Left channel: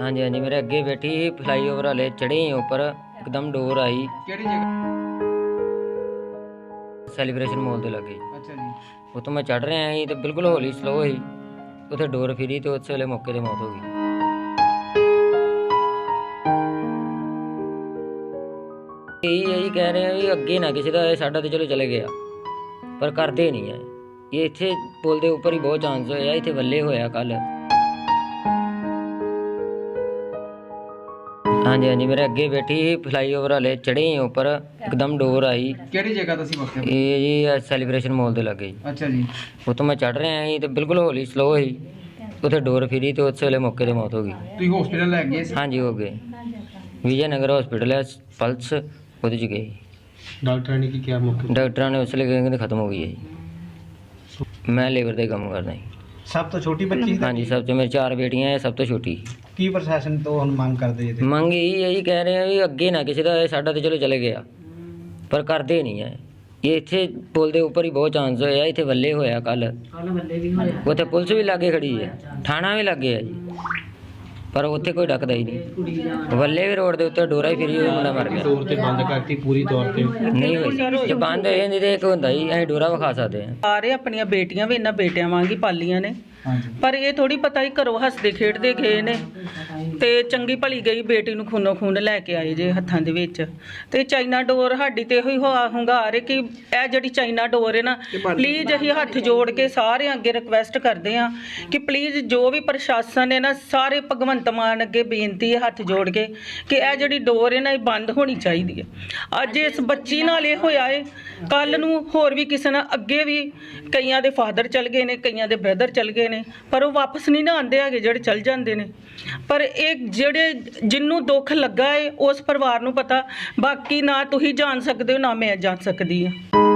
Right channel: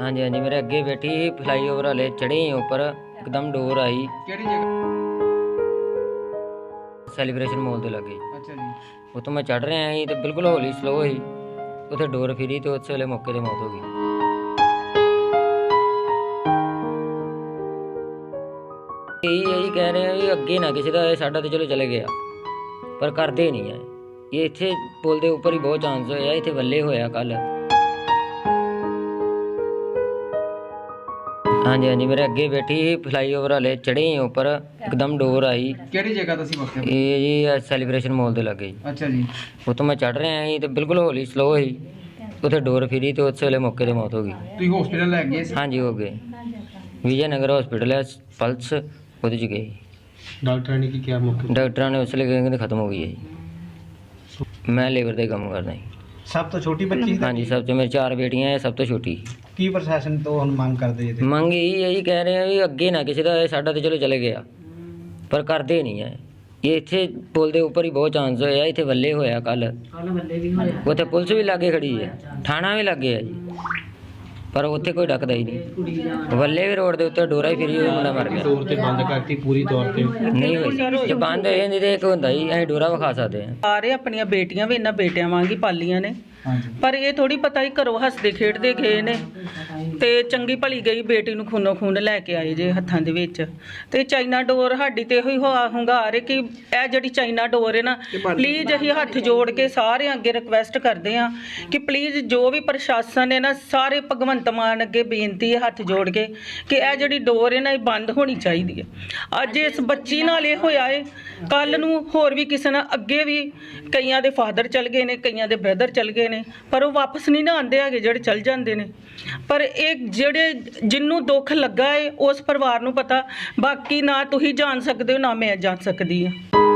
ਹਾਂਜੀ ਹਾਂਜੀ ਮੇਰੇ ਅੱਗੇ ਬੈਠੀ ਫਲਾਈਓਵਰ ਵਾਲੇ ਚੜੇ ਉੱਪਰ ਇੱਕਦਮ ਡੋਰ ਆਈ। ਕਿਹੜੀ ਜਗ੍ਹਾ? ਸੈਲੀਬ੍ਰੇਸ਼ਨ ਮਾਲ ਦੇ ਲੱਗੇ। ਅੱਛਾ ਜੀ। ਉਤੋਂ ਮੈਂ ਚੜ ਰਿਹਾ ਸੀ ਤੇ ਬਿਲਕੁਲ ਹੌਲੀ ਸਲੋ ਸੀ। ਉੱਥੇ ਡੋਰ ਫਿਰੀ ਤੇ ਉਸੇ ਵੇਲੇ ਮੌਕੇ ਤੇ ਮੌਤ ਹੋ ਗਈ। ਇਹ ਇਹੀ ਕਹਿ ਰਹੇ ਆ ਵੀ ਅੱਗੇ ਨਾ ਕਿਸੇ ਦਾ ਸਾਡਾ ਤੇ ਚਲੋ ਚਲੇ ਗਿਆ। ਪਰ ਕਰਦੇ ਨਹੀਂ ਆ। ਇਹ ਇੱਥੇ ਪੁਲ ਦੇ ਉੱਪਰ ਹੀ ਬਹੁਤ ਚਾਂਸ ਹੋਇਆ ਇੱਥੇ ਵੱਲੇ ਹੋਇਆ ਕੱਲ ਹਾਂਜੀ ਹਾਂਜੀ ਮੇਰੇ ਅੱਗੇ ਬੈਠੀ ਫਲਾਈਓਵਰ ਵਾਲੇ ਚੜੇ ਉੱਪਰ ਇੱਕਦਮ ਡੋਰ ਆਈ। ਕਿਹੜੀ ਜਗ੍ਹਾ ਤੋਂ ਸੀ ਵਕਤ ਇਹ ਜੀ ਸੈਲੀਬ੍ਰੇਸ਼ਨ ਮਾਲ ਦੇ ਲੱਗੇ ਜੀ। ਅੱਛਾ ਜੀ। ਉਤੋਂ ਮੈਂ ਚੜ ਰਿਹਾ ਸੀ ਤੇ ਬਿਲਕੁਲ ਹੌਲੀ ਸਲੋ ਸੀ। ਉੱਥੇ ਡੋਰ ਫਿਰੀ ਤੇ ਉਸੇ ਵੇਲੇ ਮੌਕੇ ਤੇ ਮੌਤ ਹੋ ਗਈ। ਤੁਸੀਂ ਹਸਪੀਟਲ ਲੈ ਗਏ ਸੀ? ਹਾਂਜੀ ਹੋ ਗਏ। ਵਿਜੇ ਨਗਰ ਹਸਪੀਟਲ ਹੈ ਪਲਸ ਉਹਦੇ ਚ ਗਏ। ਡਾਕਟਰਾਂ ਨੇ ਕੀ ਕਿਹਾ ਮੌਕੇ ਡਾਕਟਰਾਂ ਨੇ ਉਸ ਵੇਲੇ ਕਹਿੰਦੇ ਖਤਮ ਹੋ ਗਈ ਹੈ ਜੀ। ਮੈਂ ਲੇਬਰ ਦਾ ਹੀ ਕੰਮ ਕਰਦਾ ਜੀ। ਸਭ ਤੋਂ ਛੋਟੀ ਬੱਚੀ ਹਾਂਜੀ ਸਭ ਤੋਂ ਮੇਰੇ ਚਾਰ ਬੇਟੀਆਂ ਹੈ ਸਭ ਤੋਂ ਛੋਟੀ। ਕੀ ਪ੍ਰਸ਼ਾਸਨ ਤੋਂ ਹੁਣ ਮੰਗ ਕਰਦੇ ਜੀ? ਮੰਗ ਇਹ ਹੈ ਜੀ ਕਹਿ ਰਹੇ ਆ ਵੀ ਅੱਗੇ ਨਾ ਕਿਸੇ ਦਾ ਸਾਡਾ ਤੇ ਚਲੋ ਚਲੇ ਗਿਆ। ਪਰ ਕਰਦੇ ਨਹੀਂ ਹੈ। ਇਹ ਇੱਥੇ ਪੁਲ ਦੇ ਉੱਪਰ ਹੀ ਬਹੁਤ ਚਾਂਸ ਹੋਇਆ ਇੱਥੇ ਵੱਲੇ ਹੋਇਆ ਕੱਲ ਉੱਥੇ ਪੁਲਿਸ ਵੀ ਲਾਗੇ ਖੜੀ ਹੈ। ਥਾਣਾ ਵੀ ਲੱਗੇ ਹੈ ਜੀ। ਪਰ ਉੱਥੇ ਕੋਈ ਡੱਕਦਾ ਹੀ ਨਹੀਂ। ਵੱਲੇ ਵੀ ਰੋਡ ਦੇ ਉੱਤੇ ਡੋਰਾ ਹੀ ਫਿਰੀ ਹੋਈ ਮੁੰਡਾ ਮਰ ਗਿਆ। ਤੌਰ ਤੇ ਬੰਦ ਕਰਤੀ ਪੂਰੀ ਤੌਰ ਤੇ। ਨਹੀਂ ਹੋਈ। ਜੇ ਬੰਦ ਹੋ ਜਾਂਦੀ ਤੇ ਇੱਕ ਹੁੰਦਾ ਜੀ ਅਸੀਂ ਡੋਰਾ ਵਿਖਾ ਸਕਦੇ ਹਾਂ। ਸਾਰੇ ਆਪਣੀਆਂ ਬੇਟੀਆਂ ਵੀ ਇਹਨਾਂ ਬੇਟਿਆਂ ਵਾਂਗ ਹੀ ਪਾਲੀਆਂ ਨੇ। ਪਰ ਇਹ ਥੋੜੀ ਪਤਾ ਹੀ ਘਰੋਂ ਹੱਸਦੇ ਖੇਡਦੇ ਗਏ ਨੇ। ਤੇ ਚੰਗੀ ਭਲੀ ਗਈ ਬੇਟੀ ਨੂੰ ਖੂਨੋ ਖੂਨ ਲੈ ਕੇ ਆਏ ਜੇ ਹੱਥਾਂ ਦੇ ਵਿੱਚ। ਤੇ ਚਾਈਨਾ ਡੋਰ ਸਾਡੀ ਤੇ ਇਹੋ ਹੀ ਹੁਆ- ਹੁੰਗਾਰ ਹੈ ਕਿ ਇਹ ਜਿਹੜੀ ਚਾਈਨਾ ਡੋਰ ਹੈ ਨਾ ਪਲੀਜ਼ ਅਸੀਂ ਹੱਥ ਜੋੜ ਕੇ ਸਾਰਿਆਂ ਅੱਗੇ ਰਿਕਵੈਸਟ ਕਰਦੇ ਹਾਂ ਕਿ ਪਲੀਜ਼ ਜੋ ਵੀ ਪ੍ਰਸ਼ਾਸਨ ਹੈ ਨਾ ਸਾਰੇ ਭਗਵੰਤ ਮਾਨ ਅੱਗੇ ਬੇਨਤੀ ਹੈ ਹੱਥ ਜੋੜ ਕੇ ਕਿ ਇਹ ਜਿਹੜੀ ਡੋਰ ਹੈ ਨਾ ਇਹ ਬੰਦ ਹੋਣੀ ਚਾਹੀਦੀ ਹੈ ਅੱਜ ਇਸ ਬੱਚੀ ਨਾਲ ਇਹ ਹੋਇਆ ਹੈ ਕੱਲ ਨੂੰ ਹੋਰ ਵੀ ਕਿਸੇ ਨਾਲ ਅੱਗੇ ਵੀ ਕਈਆਂ ਦੇ ਫਾਦਰ ਚਲ ਗਏ ਨੇ, ਕਈਆਂ ਦੇ ਬ੍ਰਦਰ ਚਲ ਗਏ ਨੇ, ਪਰ ਉਹ ਵਾਪਸ ਨਹੀਂ ਨਾ ਆਉਂਦੇ ਹੈਗੇ ਜਿਹੜੇ ਚਲ ਜਾਂਦੇ ਨੇ। ਪਰ ਇਹ ਜਿਹੜੇ ਜਿੰਨੂੰ ਦੁੱਖ ਲੱਗਾ ਏ, ਉਸ ਪਰਿਵਾਰ ਨੂੰ ਪਤਾ, ਬਾਕੀ ਨਾ ਤੁਸੀਂ ਜਾਣ ਸਕਦੇ ਹੋ, ਨਾ ਮੈਂ ਜਾਣ ਸਕਦੀ ਹਾਂ।